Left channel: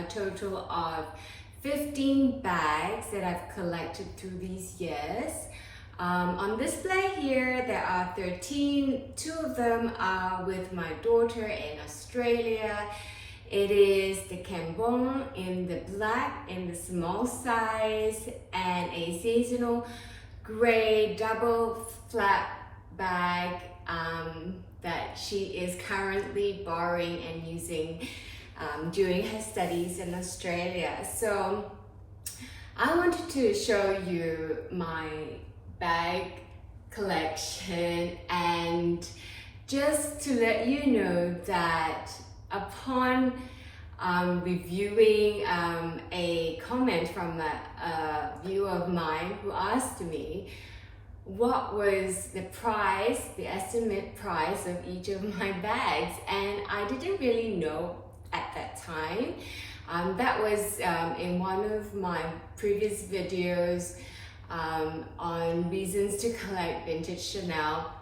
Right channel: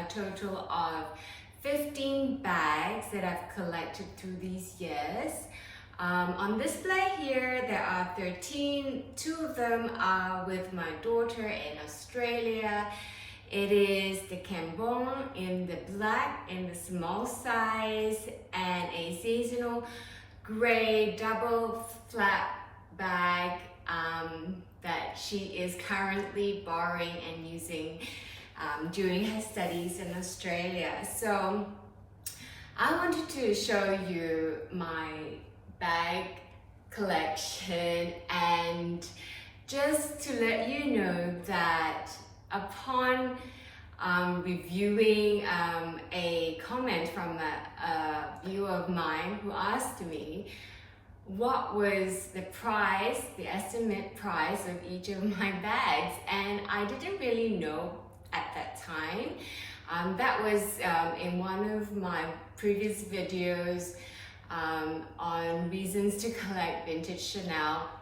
a total of 15 bags that I've collected through these years. On display here, there are 13. 2 of them are with my daughter in Australia. It is the Cambon in the black, in the small size, and a seasonal gray double flap bag that she is currently borrowing and using during her studies in Australia. So I wanted to show you my bag collection, and just to let you know that upon reviewing a comment from a viewer of mine who asked me what was the price, the estimate price of each of my bags, and I didn't really know at that time. That was in one of my previous videos on reasons to collect vintage Chanel.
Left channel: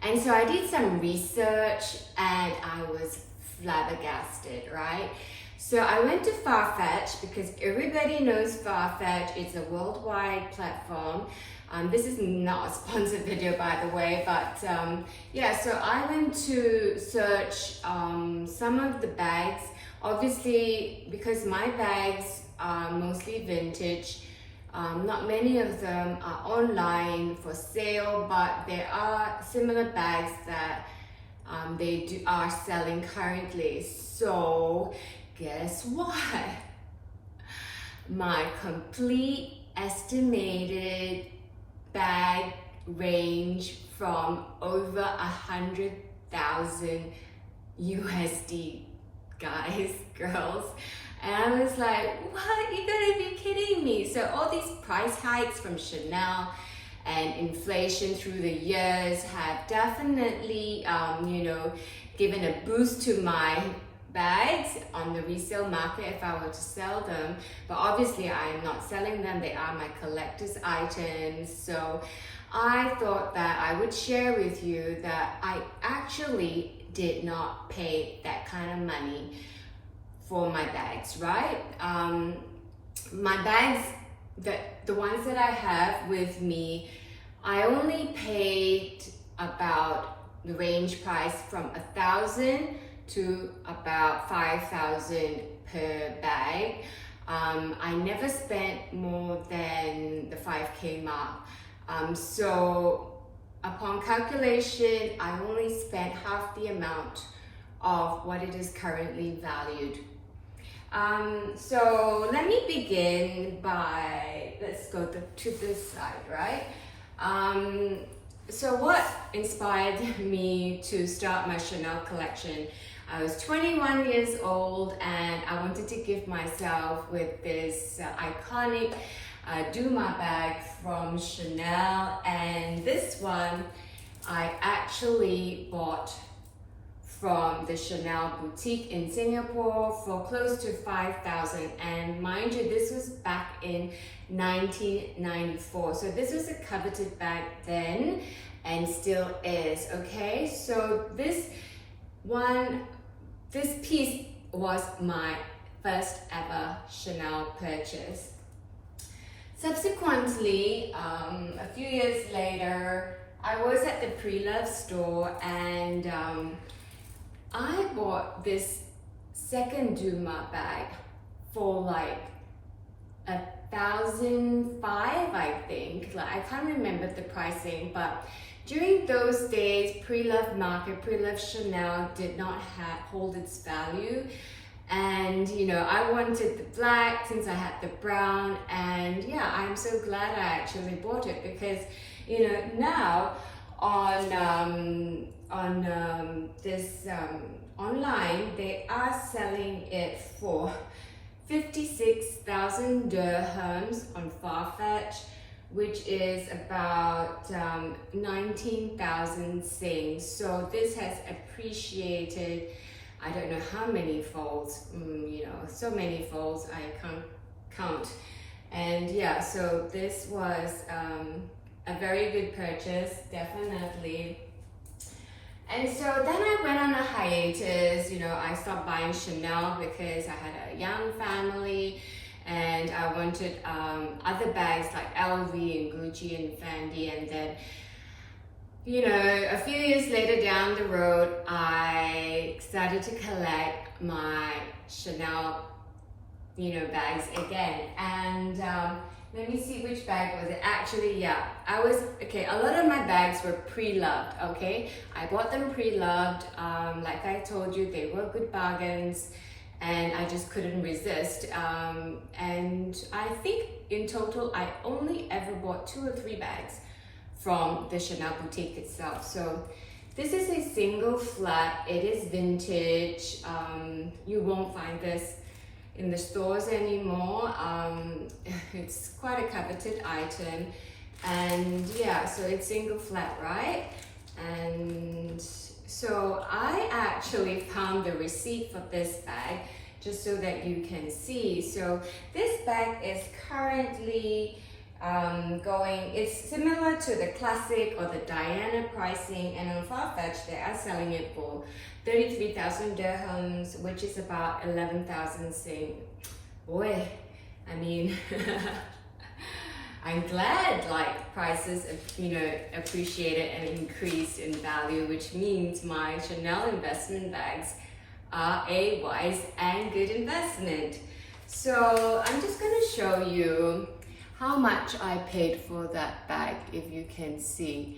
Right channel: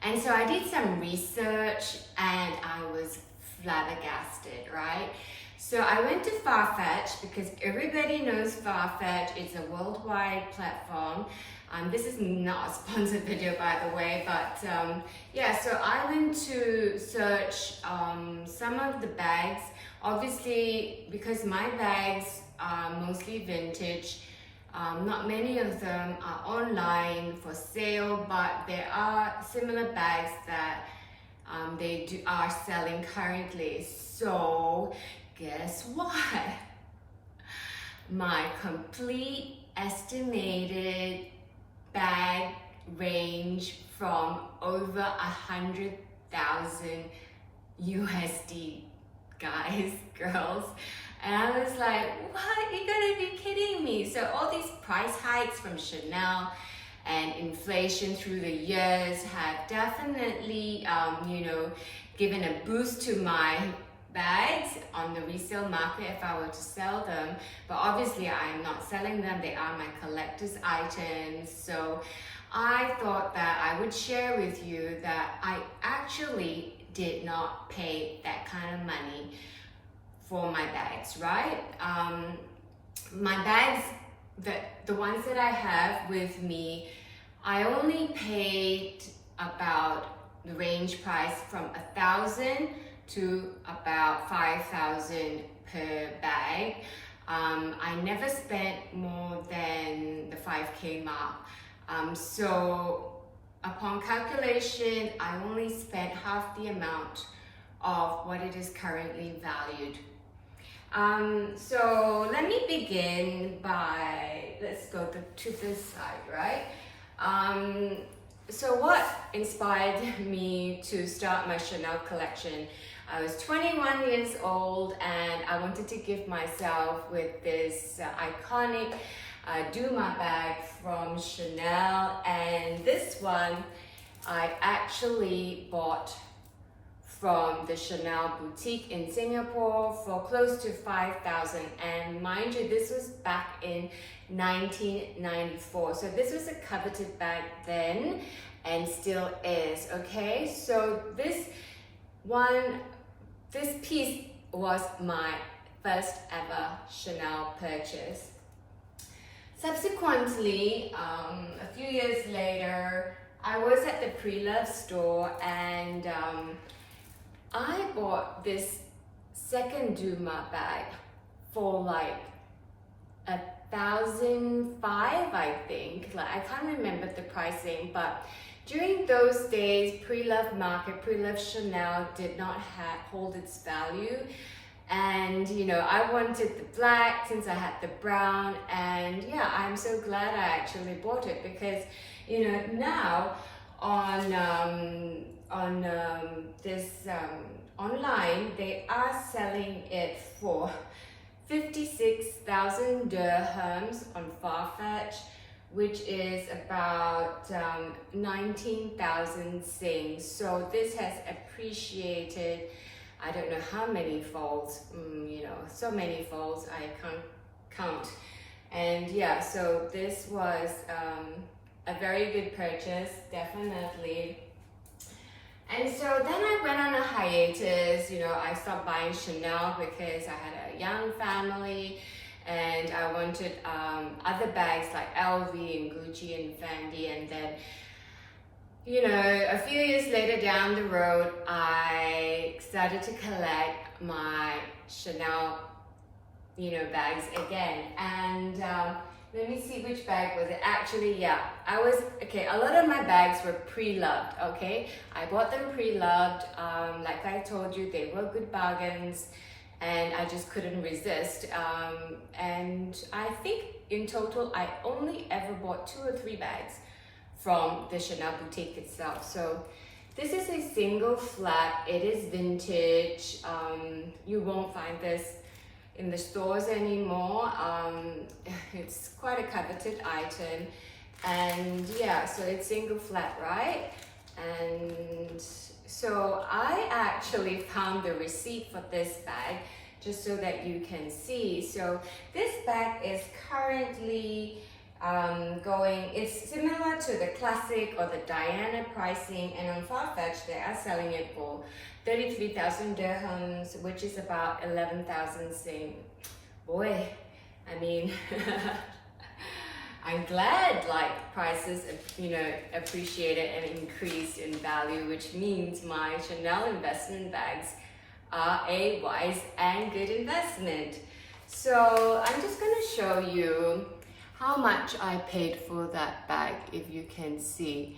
And so I did some research and I was flabbergasted, right? So I went to Farfetch because everybody knows Farfetch. It's a worldwide platform. This is not a sponsored video, by the way, but yeah, so I went to search some of the bags. Obviously, because my bags are mostly vintage, not many of them are online for sale, but there are similar bags that they are selling currently. So guess what? My complete estimated bag range from over 100,000 USD, guys, girls. And I was like, what? You're gonna be kidding me. So all these price hikes from Chanel and inflation through the years have definitely, you know, given a boost to my bags on the resale market if I were to sell them. But obviously I am not selling them. They are my collector's items. So I thought that I would share with you that I actually did not pay that kind of money for my bags, right? My bags, the ones that I have with me, I only paid about the range price from 1,000 to about 5,000 per bag. I never spent more than the 5K mark. So upon calculation, I only spent half the amount of what it is currently valued. So let me begin by, let's go to this side, right? So what inspired me to start my Chanel collection? I was 21 years old and I wanted to give myself with this iconic Duma bag from Chanel, and this one I actually bought from the Chanel boutique in Singapore for close to 5,000, and mind you, this was back in 1994. So this was a coveted bag then and still is, okay? So this piece was my first ever Chanel purchase. Subsequently, a few years later, I was at the Pre-Love store and I bought this second Duma bag for like 1,500, I think. Like, I can't remember the pricing, but during those days, Pre-Love market, Pre-Love Chanel did not hold its value. And you know, I wanted the black since I had the brown, and yeah, I'm so glad I actually bought it because, you know, now on this online, they are selling it for 56,000 dirhams on Farfetch, which is about 19,000 Sing. So this has appreciated, I don't know how many folds, you know, so many folds, I can't count. And yeah, so this was a very good purchase, definitely. And so then I went on a hiatus. You know, I stopped buying Chanel because I had a young family and I wanted other bags like LV and Gucci and Fendi. And then, you know, a few years later down the road, I started to collect my Chanel, you know, bags again. And let me see which bag was it. Actually, yeah, okay, a lot of my bags were pre-loved, okay? I bought them pre-loved. Like I told you, they were good bargains and I just couldn't resist. And I think in total, I only ever bought 2 or 3 bags from the Chanel boutique itself. So this is a single flat. It is vintage. You won't find this in the stores anymore. It's quite a coveted item, and yeah, so it's single flat, right? And so I actually found the receipt for this bag just so that you can see. So this bag is currently it's similar to the classic or the Diana pricing, and on Farfetch they are selling it for 33,000 dirhams, which is about 11,000 Sing. Boy, I mean, I'm glad like prices, you know, appreciated and increased in value, which means my Chanel investment bags are a wise and good investment. So I'm just gonna show you how much I paid for that bag, if you can see.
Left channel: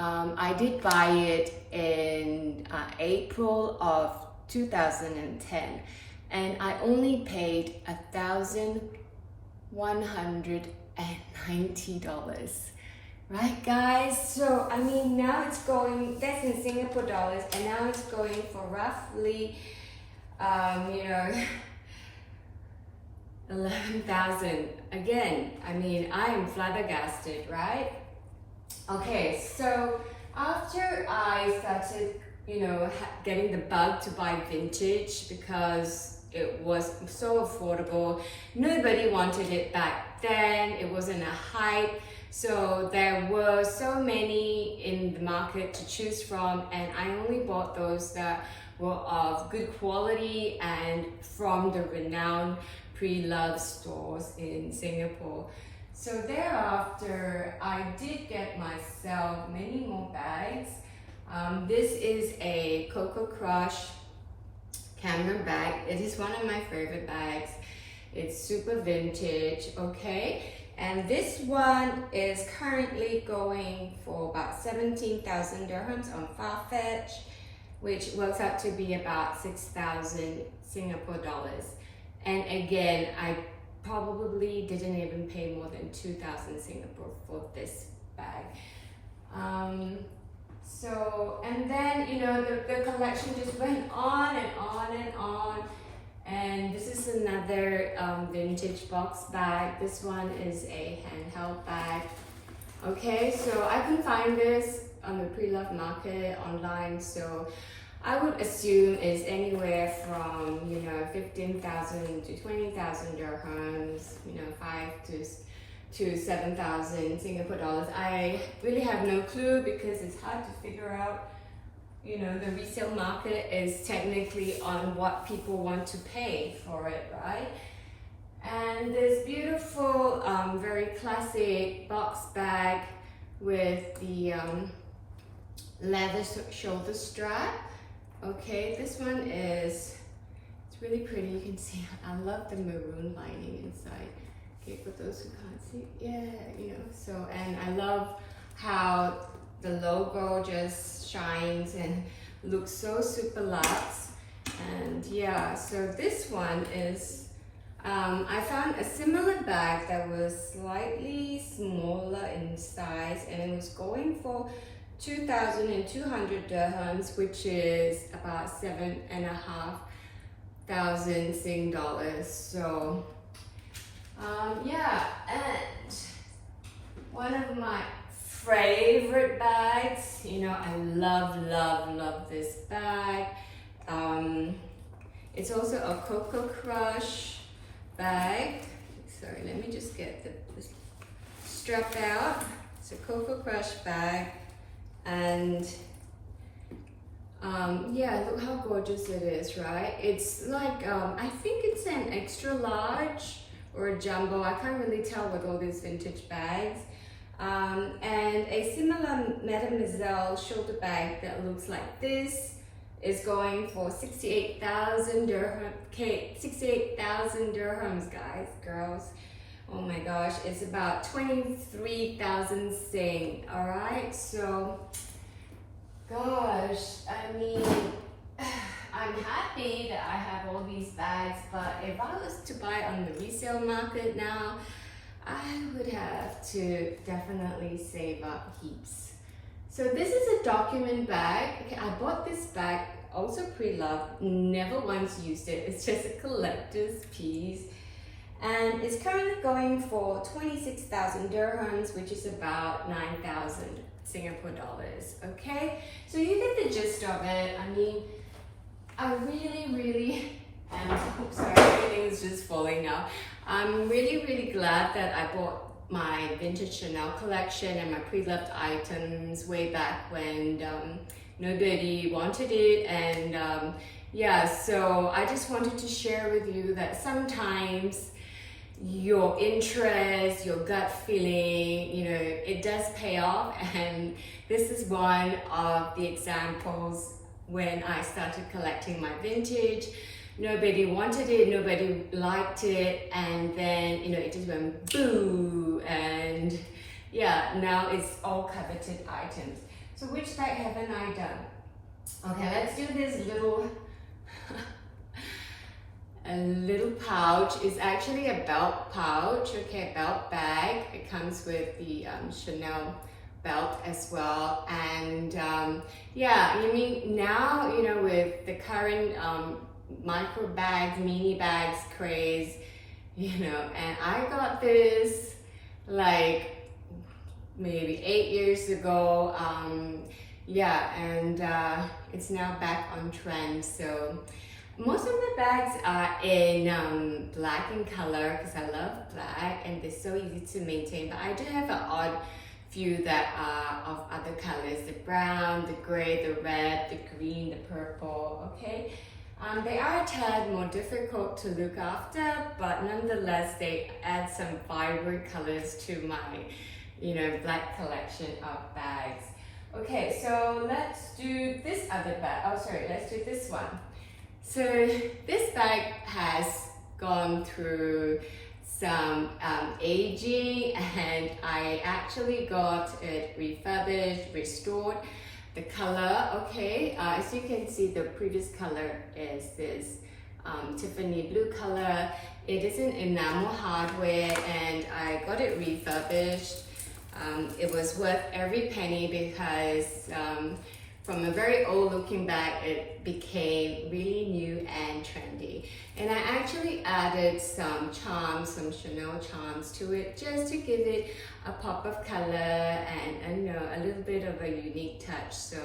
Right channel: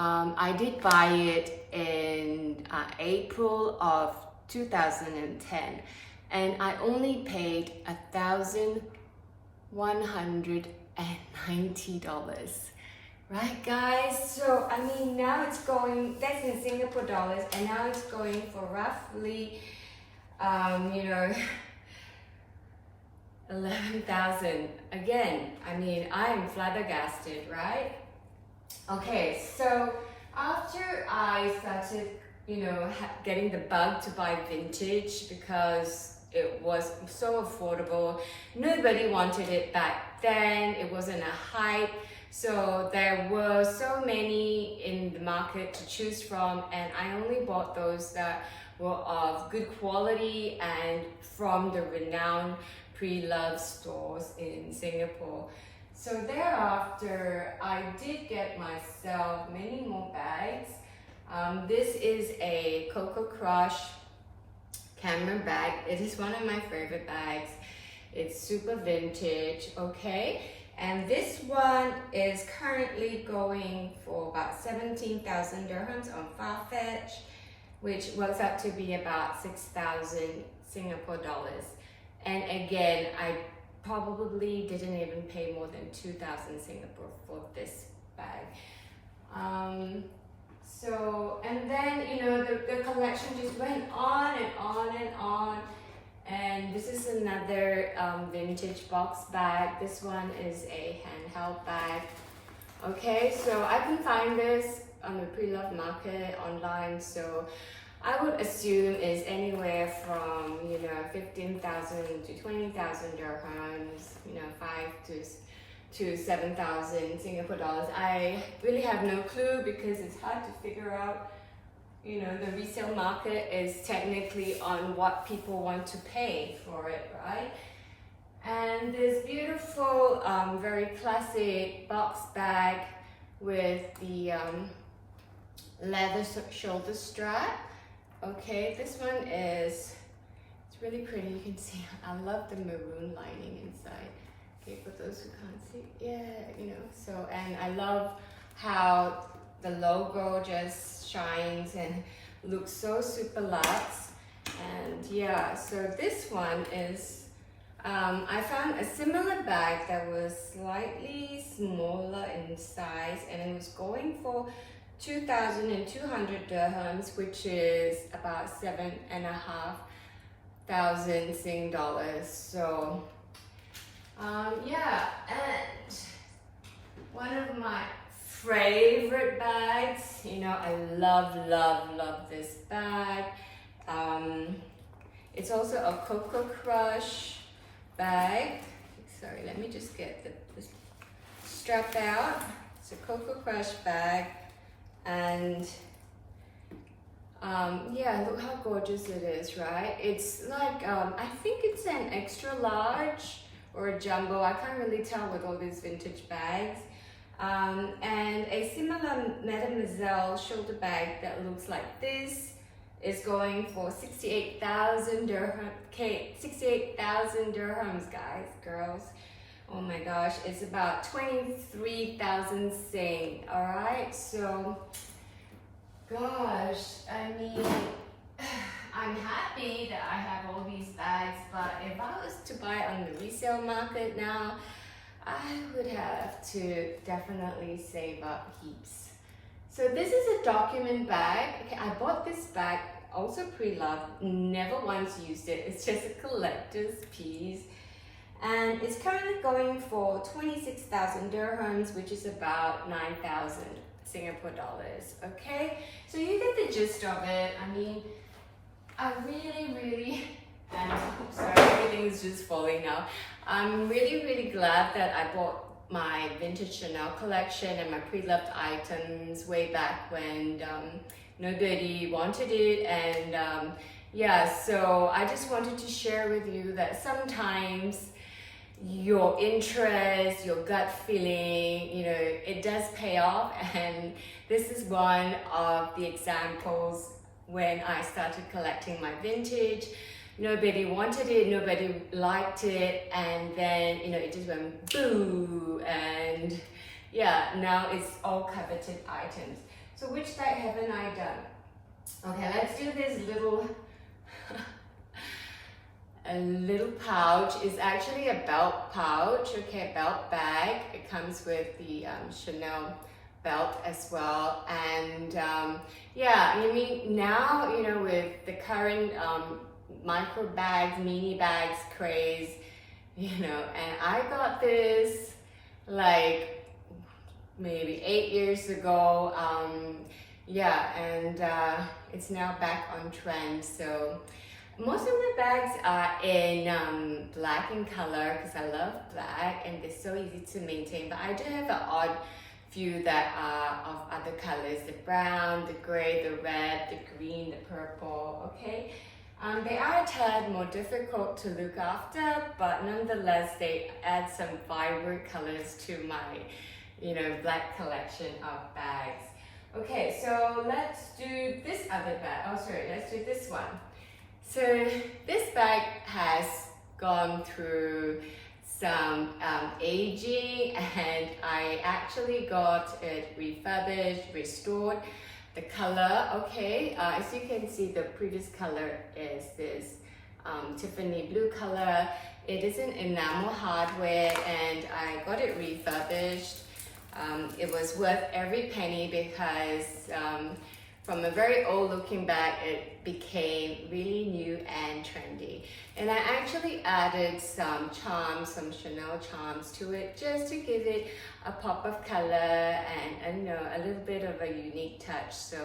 I did buy it in April of 2010 and I only paid $1,190, right guys? So I mean, now it's going, that's in Singapore dollars, and now it's going for roughly, you know, 11,000. Again, I mean, I am flabbergasted, right? Okay, so after I started, you know, getting the bug to buy vintage because it was so affordable, nobody wanted it back then, it wasn't a hype, so there were so many in the market to choose from, and I only bought those that were of good quality and from the renowned pre-loved stores in Singapore. So thereafter, I did get myself many more bags. This is a Coco Crush camera bag. It is one of my favorite bags. It's super vintage, okay? And this one is currently going for about 17,000 dirhams on Farfetch, which works out to be about 6,000 Singapore dollars. And again, I probably didn't even pay more than 2,000 Singapore for this bag. So, and then, you know, the collection just went on and on and on. And this is another vintage box bag. This one is a handheld bag. Okay, so I can find this on the pre-loved market online. So I would assume is anywhere from, you know, 15,000 to 20,000 dirhams, you know, 5 to 7,000 Singapore dollars. I really have no clue because it's hard to figure out. You know, the resale market is technically on what people want to pay for it, right? And this beautiful, very classic box bag with the leather shoulder strap. Okay, this one it's really pretty. You can see, I love the maroon lining inside. Okay, for those who can't see, yeah, you know, so, and I love how the logo just shines and looks so super luxe. And yeah, so this one is, I found a similar bag that was slightly smaller in size, and it was going for 2,200 dirhams, which is about 7,500 Sing dollars. So yeah, and one of my favorite bags, you know, I love this bag. It's also a Coco Crush bag. Sorry, let me just get the strap out. It's a Coco Crush bag, and Yeah, look how gorgeous it is, right? It's like, I think it's an extra large or a jumbo. I can't really tell with all these vintage bags. And a similar Mademoiselle shoulder bag that looks like this is going for 68,000 dirham, 68,000 dirhams, guys, girls. Oh my gosh, it's about 23,000 sing, all right? So, gosh, I mean, I'm happy that I have all these bags, but if I was to buy on the resale market now, I would have to definitely save up heaps. So this is a document bag. Okay, I bought this bag, also pre-loved, never once used it. It's just a collector's piece. And it's currently going for 26,000 dirhams, which is about 9,000 Singapore dollars, okay? So you get the gist of it. I mean, I really, and oops, sorry, everything is just falling now. I'm really glad that I bought my vintage Chanel collection and my pre-loved items way back when nobody wanted it. And yeah, so I just wanted to share with you that sometimes your interest, your gut feeling, you know, it does pay off. And this is one of the examples when I started collecting my vintage. Nobody wanted it, nobody liked it, and then, you know, it just went boo, and yeah, now it's all coveted items. So which bag haven't I done? Okay, let's do this little a little pouch. It's actually a belt pouch, okay, a belt bag. It comes with the Chanel belt as well. And yeah, I mean, now, you know, with the current micro bags, mini bags craze, you know, and I got this like maybe 8 years ago. Yeah, and it's now back on trend. So most of my bags are in black in color because I love black and they're so easy to maintain, but I do have an odd few that are of other colors: the brown, the gray, the red, the green, the purple, okay? They are a tad more difficult to look after, but nonetheless, they add some vibrant colors to my, you know, black collection of bags. Okay, so let's do this other bag. Oh, sorry, let's do this one. So this bag has gone through some aging, and I actually got it refurbished, restored. The color, okay, as you can see, the previous color is this Tiffany blue color. It is an enamel hardware, and I got it refurbished. It was worth every penny because from a very old looking bag, it became really new and trendy. And I actually added some charms, some Chanel charms to it, just to give it a pop of color and you know, a little bit of a unique touch. So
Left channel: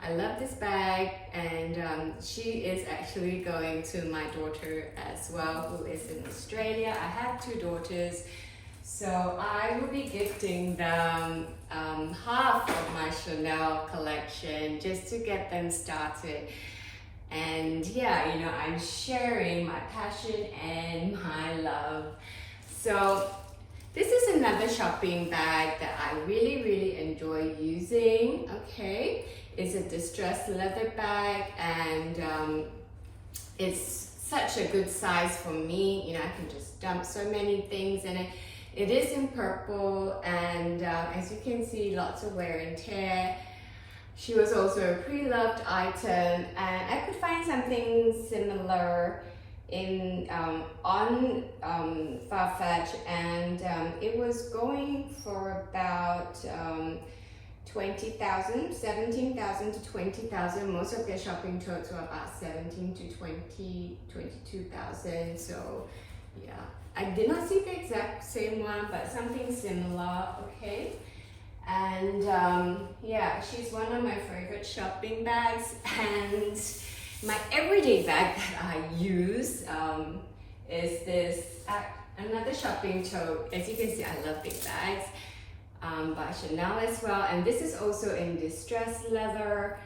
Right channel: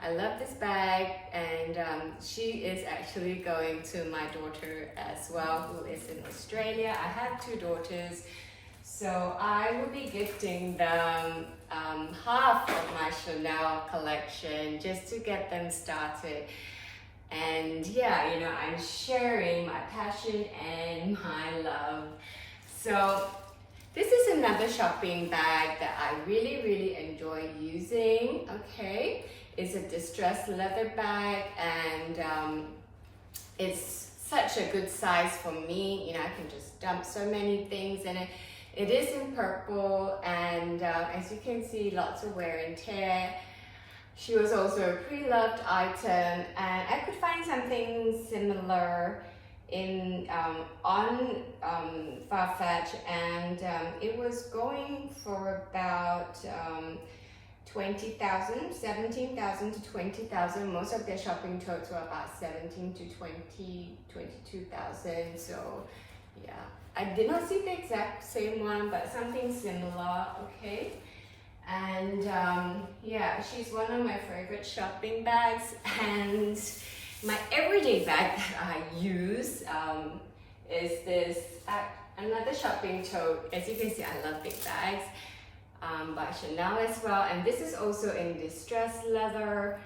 I love this bag, and she is actually going to my daughter as well, who is in Australia. I have two daughters, so I will be gifting them half of my Chanel collection just to get them started. And yeah, you know, I'm sharing my passion and my love. So this is another shopping bag that I really enjoy using, okay? It's a distressed leather bag, and it's such a good size for me. You know, I can just dump so many things in it. It is in purple, and as you can see, lots of wear and tear. She was also a pre-loved item, and I could find something similar in on Farfetch, and it was going for about 20,000, 17,000 to 20,000. Most of their shopping totes were about 17 to 20, 22,000. So yeah, I did not see the exact same one, but something similar, okay? And yeah, she's one of my favorite shopping bags. And my everyday bag that I use is this another shopping tote. As you can see, I love big bags, by Chanel as well. And this is also in distressed leather.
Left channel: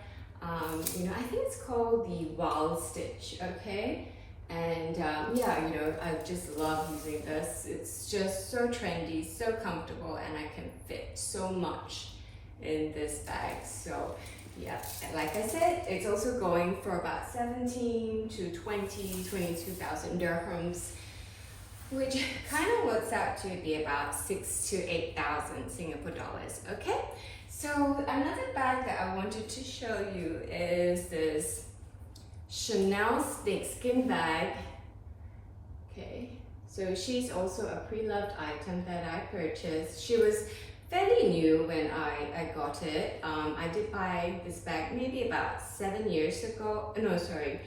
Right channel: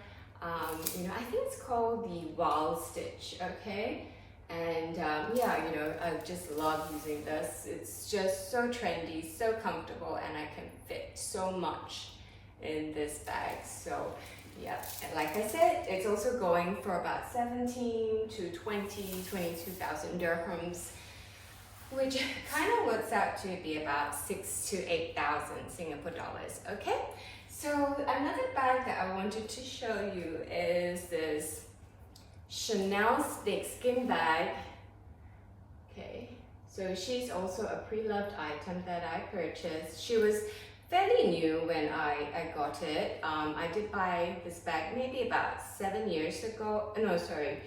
I think it's called the Wild Stitch, okay? And yeah, I just love using this. It's just so trendy, so comfortable, and I can fit so much in this bag. So yeah, like I said, it's also going for about 17 to 22,000 dirhams, which kind of works out to be about 6 to 8,000 Singapore dollars, okay? So another bag that I wanted to show you is this Chanel snakeskin bag. Okay, so she's also a pre-loved item that I purchased. She was fairly new when I got it. I did buy this bag maybe about 7 years ago. No, sorry,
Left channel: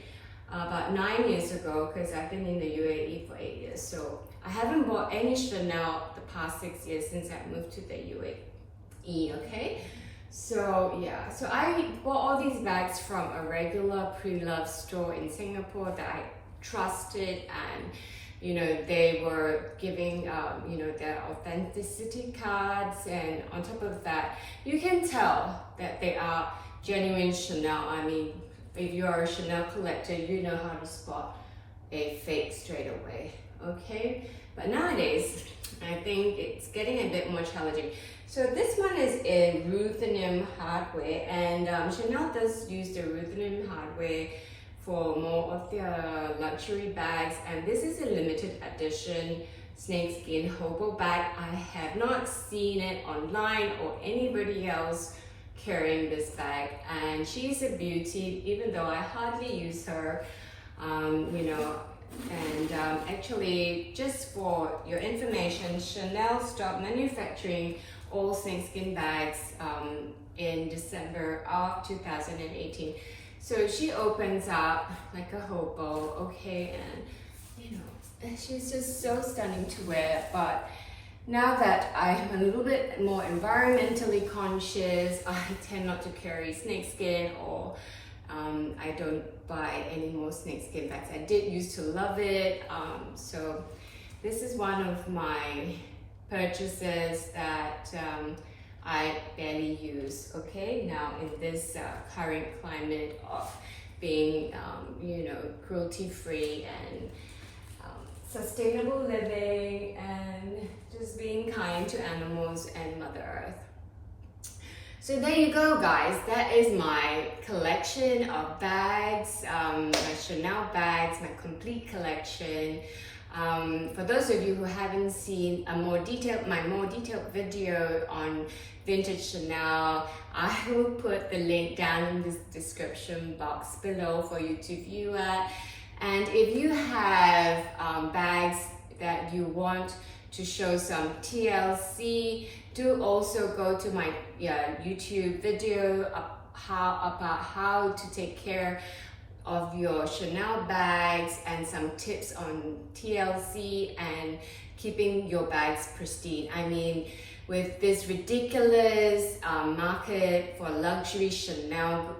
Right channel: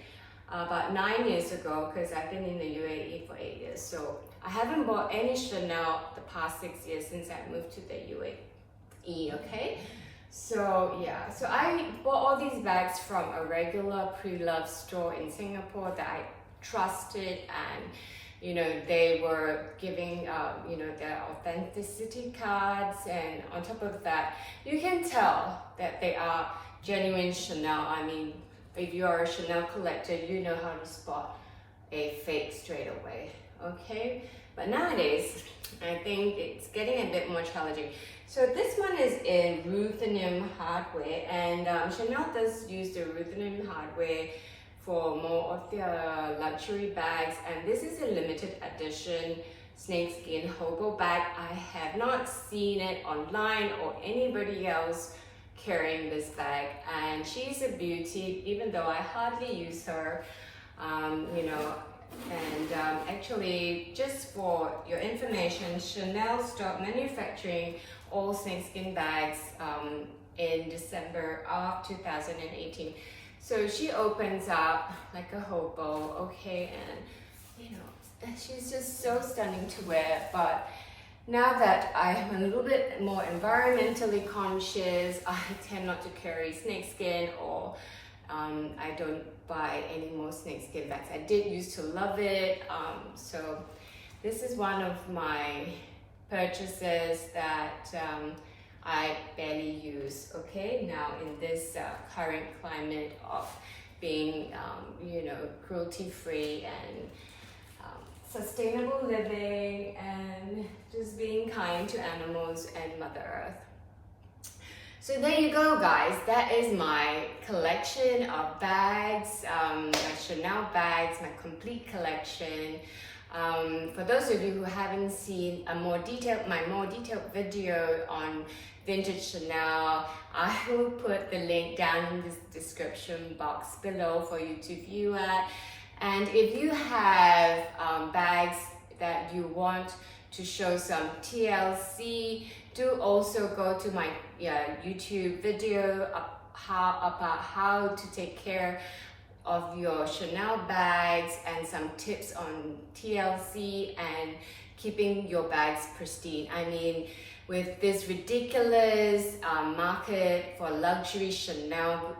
about 9 years ago, because I've been in the UAE for 8 years. So I haven't bought any Chanel the past 6 years since I moved to the UAE, okay? So yeah, so I bought all these bags from a regular pre-loved store in Singapore that I trusted, and they were giving their authenticity cards, and on top of that, you can tell that they are genuine Chanel. I mean, if you are a Chanel collector, you know how to spot a fake straight away, okay? But nowadays, I think it's getting a bit more challenging. So this one is in ruthenium hardware, and Chanel does use the ruthenium hardware for more of their luxury bags, and this is a limited edition snakeskin hobo bag. I have not seen it online or anybody else carrying this bag, and she's a beauty, even though I hardly use her, actually, just for your information, Chanel stopped manufacturing all snakeskin bags in December of 2018. So she opens up like a hobo, okay, and she's just so stunning to wear. But now that I'm a little bit more environmentally conscious, I tend not to carry snakeskin, or I don't buy any more snakeskin bags. I did used to love it, so this is one of my purchases that I barely use, okay? Now in this current climate of being, cruelty-free and sustainable living, and just being kind to animals and Mother Earth. So there you go, guys. That is my collection of bags, my Chanel bags, my complete collection. For those of you who haven't seen my more detailed video on vintage Chanel, I will put the link down in the description box below for you to view it. And if you have bags that you want to show some TLC, do also go to my YouTube video about how to take care of your Chanel bags, and some tips on TLC and keeping your bags pristine. I mean, with this ridiculous market for luxury Chanel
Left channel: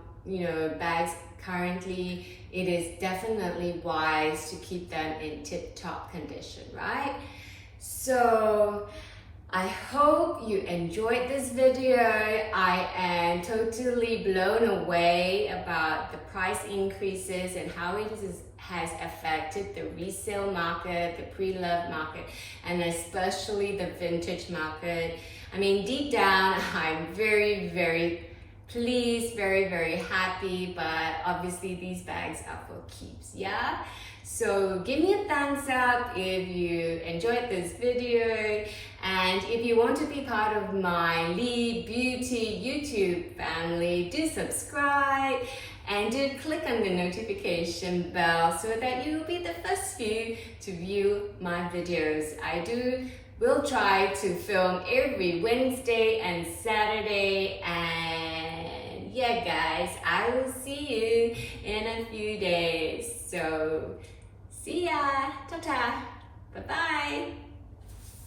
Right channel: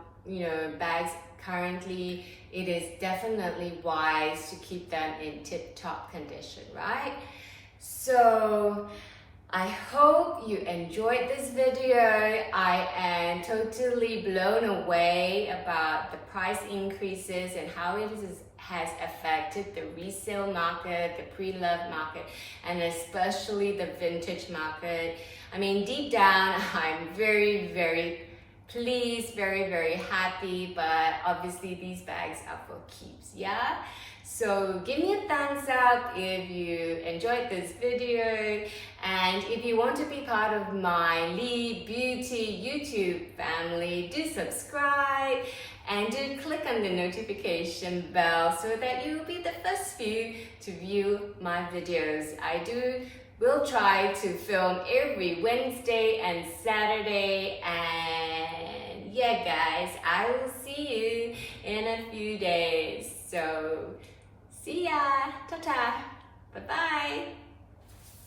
bags currently, it is definitely wise to keep them in tip-top condition, right? So I hope you enjoyed this video. I am totally blown away about the price increases and how it has affected the resale market, the pre-loved market, and especially the vintage market. I mean, deep down, I'm very, very pleased, very, very happy, but obviously these bags are for keeps, yeah? So give me a thumbs up if you enjoyed this video, and if you want to be part of my Lee Beauty YouTube family, do subscribe and do click on the notification bell so that you will be the first few to view my videos. I will try to film every Wednesday and Saturday, and yeah guys, I will see you in a few days. So see ya, ta-ta, bye-bye.